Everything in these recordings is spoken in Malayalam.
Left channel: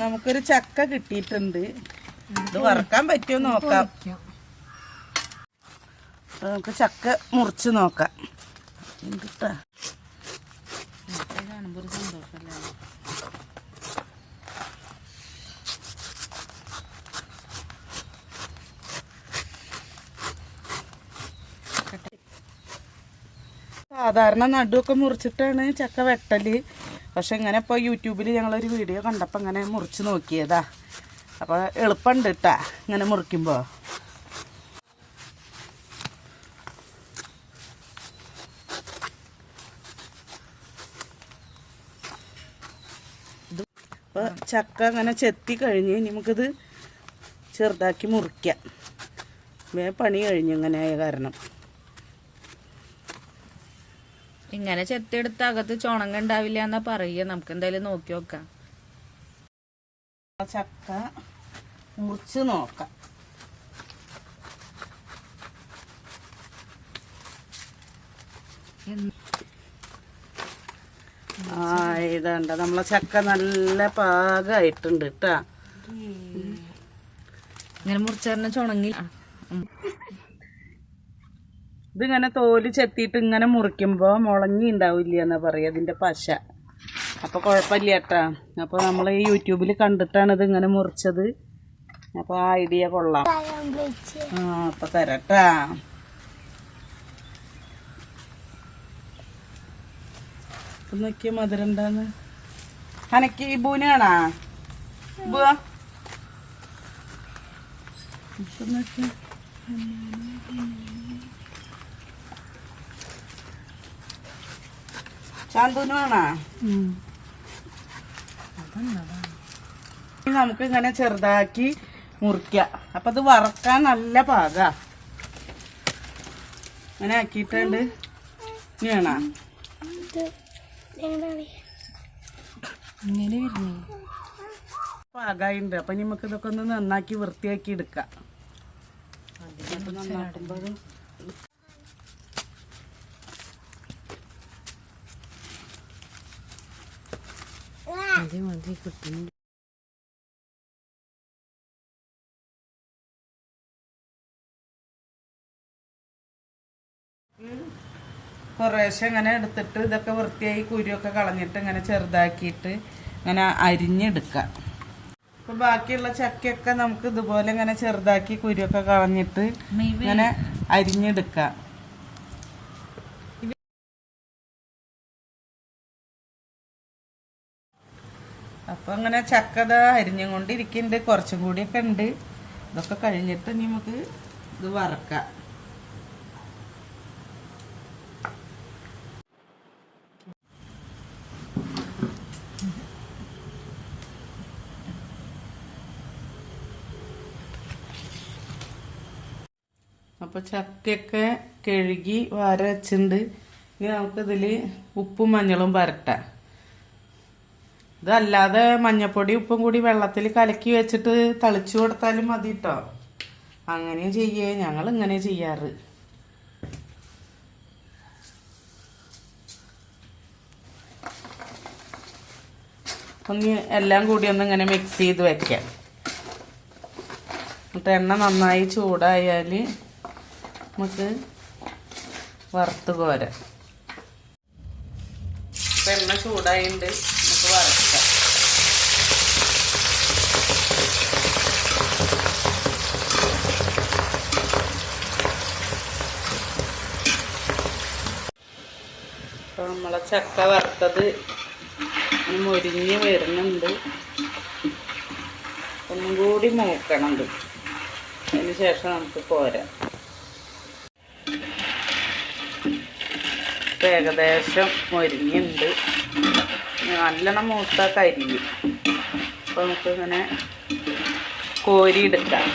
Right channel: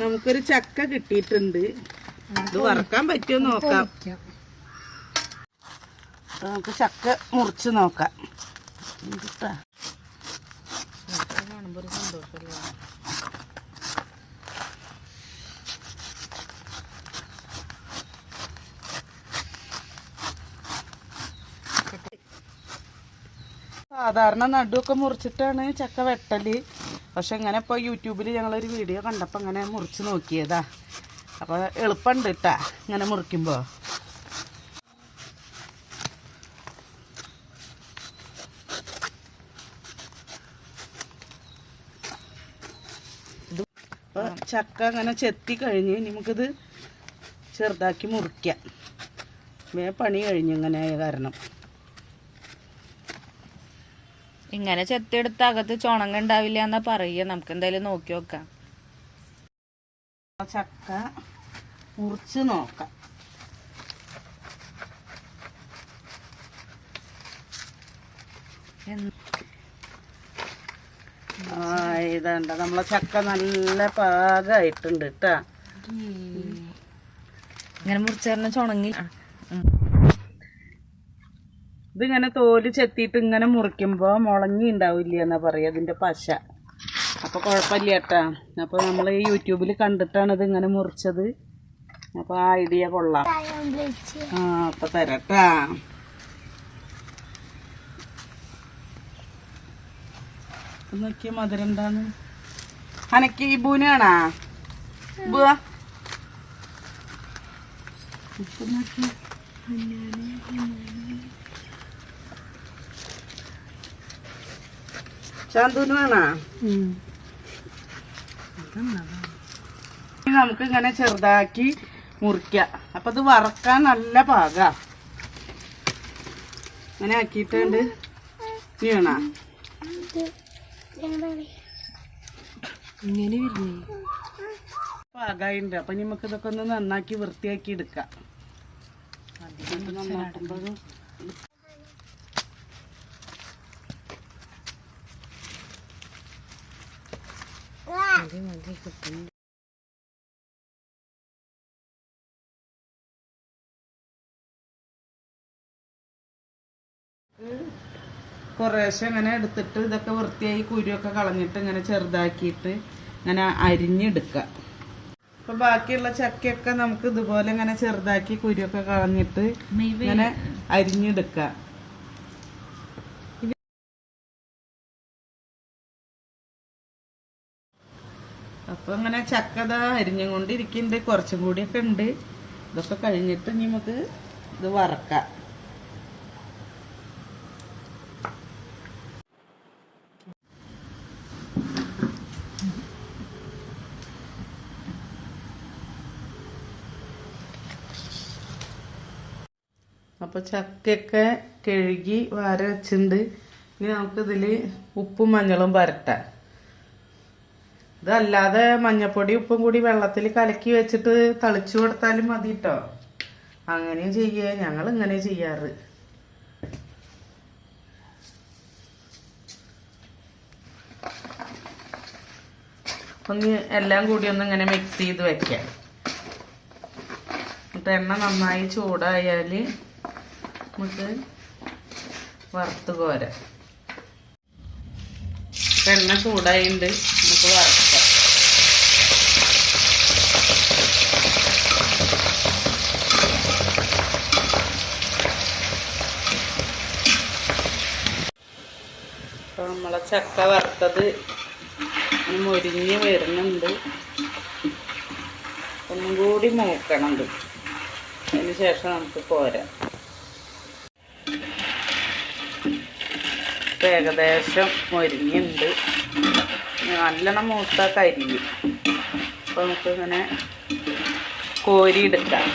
നമുക്കൊരു ചക്ക കിട്ടിയിട്ടുണ്ട്. ഇത് വറക്കാൻ പറ്റുമോ നോക്കാം. നമുക്ക് ചക്ക മുറിച്ച് നോക്കാം. സാധാരണ നടുവൊക്കെ മുറിച്ചിട്ടാണ് ചക്ക വെട്ടൽ. പക്ഷെ ഇങ്ങനെ ഇപ്പോൾ യൂട്യൂബിൽ ഞങ്ങളൊരു വീഡിയോ കണ്ടപ്പോൾ ഇങ്ങനെ മുറിച്ച് നോക്കിയതാ. അപ്പോൾ എളുപ്പമുണ്ട് കേട്ടാ ഇങ്ങനെ മുറിക്കുമ്പോൾ ചക്ക അങ്ങനെ ചെത്തി കഴിഞ്ഞ് നമുക്കിത് ചെറുതാക്കി മുറിക്കാം. പണി കഴിഞ്ഞു ഇങ്ങനെ ആയ കാരണം. ഇങ്ങനെ ചെത്തെടുത്ത് അകത്ത് ചുണങ്ങ ഉണ്ടാവില്ല എന്നാ പറയുക. നമുക്ക് എന്തായാലും നോക്കി നോക്കാം. ചക്ക മുറിച്ച് നോക്കാം. ആ ഇതണ്ട നമ്മളെ ചക്ക നല്ല പാകമായിട്ടുണ്ട് കേട്ടാ ഇങ്ങനെ മുറിച്ചറിഞ്ഞ ചുണങ്ങി ഇതിങ്ങനെ തോൽ ചെത്തിയിട്ട് ഇങ്ങനെ മുറിക്കുമ്പോൾ മുളങ്ങി ഉണ്ടാവില്ല എന്നാ പറയുക ഇതിന്റെ പശ. അപ്പോൾ കുഴപ്പമില്ല കേട്ടാ അപ്പോൾ നമ്മൾ ഈ യൂട്യൂബിൽ കണ്ടിട്ടാണ് ഇത് ഇങ്ങനെ മുറിച്ചത്. അപ്പോൾ ആ ഐഡിയ കൊള്ളാം. ആ അപ്പോൾ തരട്ടാ. നോക്കിയ മധുരം എന്താണ് അനക്ക് ഈ ബൂനാണാ ബുവാ. ഇപ്പൊ നോക്കിയേ ചാന്തൂന് വേണോ നമുക്ക് ഇങ്ങനെ ചെറുതാക്കി മുറിക്ക. അപ്പൊ ഇത് വറക്കാൻ നല്ല പാക. അങ്ങനെ ആക്കിയിട്ടുണ്ട്. വേണോ? അപ്പൊ നമുക്ക് ഇതൊക്കെ ഒന്ന് നന്നാക്കി വൃത്തിയാക്കി എടുക്കാം. ഇതൊക്കെ കിട്ടുന്നുണ്ട് കുറേശ്ശെ ഇങ്ങനെ എടുത്തിട്ട് ഇതൊക്കെ വൃത്തിയായി കുരുവൊക്കെ കളഞ്ഞിട്ട് ഇങ്ങനെ ചെറുതാക്കിയിട്ട് ഇങ്ങനെ അരിഞ്ഞെടുക്കുക. അപ്പം ബാക്കിയുള്ള ചക്കയൊക്കെ നമുക്ക് ഇതുപോലെ ഇങ്ങനെ ചെറുതാക്കി കുരുവൊക്കെ കളഞ്ഞിട്ട് ഇങ്ങനെ അരിഞ്ഞെടുക്കാം അപ്പൊ അങ്ങനെ ചക്കത അരിഞ്ഞും കൊണ്ടിരിക്കുന്നുണ്ട് കുറച്ചും കൂടിയൊക്കെ ഉണ്ട്. ഇതൊക്കെ കഴിഞ്ഞിട്ട് നമുക്ക് ഇത് വറക്കാം. അപ്പോൾ ചക്കയൊക്കെ കഴുകി വാര വെച്ചിട്ടുണ്ട്. ഇനി നമുക്കിതിൽ ഉപ്പും മഞ്ഞളും പരട്ടാം. ഇതല്ലാതെ മഞ്ഞപ്പൊടി ഉപ്പും കൂടി വെള്ളത്തിൽ കലക്കി വെച്ചിട്ട് തളിച്ചു കൊടുത്താലും മതി കേട്ടോ അങ്ങനെയും ചെയ്യേ. ഞങ്ങൾ ഇങ്ങനെ ചെയ്യാറ്. ഒന്ന് എല്ലാം കൂടി ഒന്ന് ഇങ്ങനെ മിക്സ് ചെയ്ത് വെക്കാം. എന്നിട്ട് എണ്ണ നന്നായി ചൂടായാൽ നമുക്ക് വറുത്ത് പോരാം. ഇപ്പൊ എണ്ണ ചൂടായിട്ടുണ്ട് നമുക്ക് വറുക്കാം. അപ്പോൾ നമ്മളെ ചക്ക വറുത്തത് മൊരിഞ്ഞ് വരുന്നുണ്ട്. ഒന്നും കൂടി മൂക്കണം അതിന് ശേഷം നമുക്ക് പോരാം. ഏകദേശം മൊരിഞ്ഞുണ്ട് നല്ലോണം മൂത്ത കരിഞ്ഞു. അപ്പോൾ നമുക്കിങ്ങനെ കോരി കോരിയെടുക്കാം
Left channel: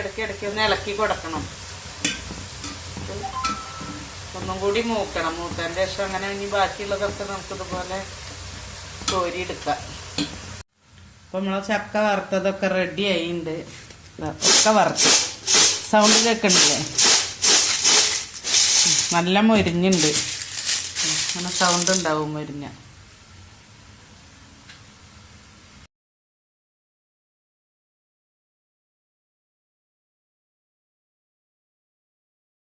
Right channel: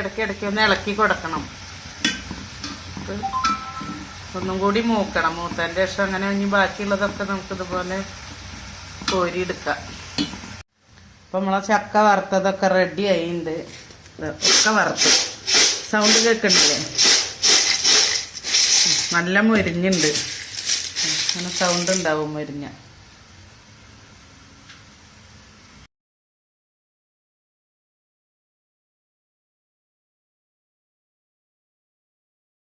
ഇടയ്ക്ക് ഇടയ്ക്ക് ഒന്ന് ഇളക്കി കൊടുക്കണം. ഒന്നും കൂടി മൂക്കണം. മൂത്തതിന്റെ ശേഷം അങ്ങനെ ഇനി ബാക്കിയുള്ളതൊക്കെ നമുക്കിതുപോലെ കോരിയെടുക്കാം. അപ്പം നമ്മളെ ചക്ക വറുത്തതൊക്കെ റെഡി ആയിട്ടുണ്ട് ഒക്കെ വറുത്ത്. സൗണ്ട് കേൾക്കണില്ലേ? നല്ല മുരിഞ്ഞുണ്ട്. അങ്ങനെ സൗണ്ട് ഉണ്ടാവും മൊരിഞ്ഞ.